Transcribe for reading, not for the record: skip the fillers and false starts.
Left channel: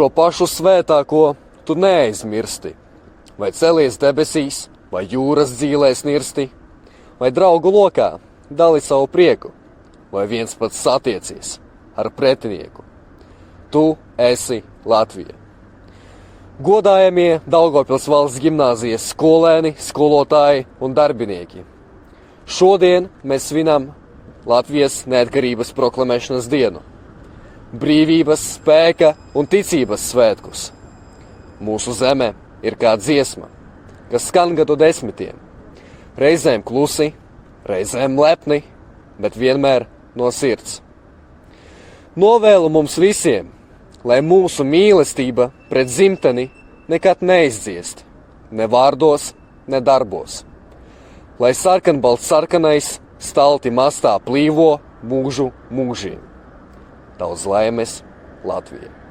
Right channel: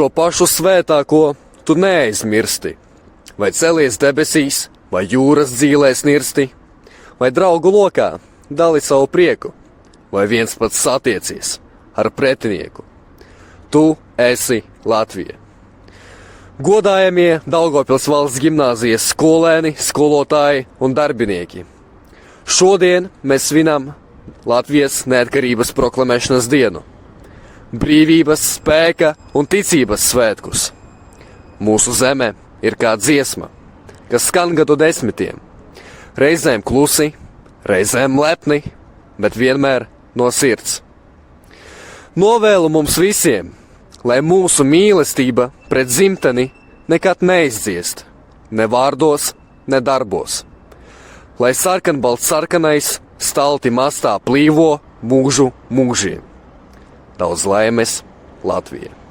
šo pašu svētāko tu neaizmirsti. Vai celies debesīs, vai jūras dzīlēs nirsti, vai draugu lokā dali savu prieku, vai viens pats satiecies ar pretinieku. Tu esi Latvija. Godājamie Daugavpils valsts gimnāzijas skolēni, skolotāji un darbinieki. Šodien mēs svinam Latvijas neatkarības proklamēšanas dienu, brīvības, spēka un ticības svētkus. Mūsu zeme ir kā dziesma, kas skan gadu desmitiem, reizēm klusi, reizēm lepni, bet vienmēr no sirds. Novēlu mums visiem, lai mūsu mīlestība pret dzimteni nekad neizdziest, ne vārdos, ne darbos. Lai sarkanbalts sarkanais stalti mastā plīvo mūžu mūžiem. Daudz laimes, Latvija!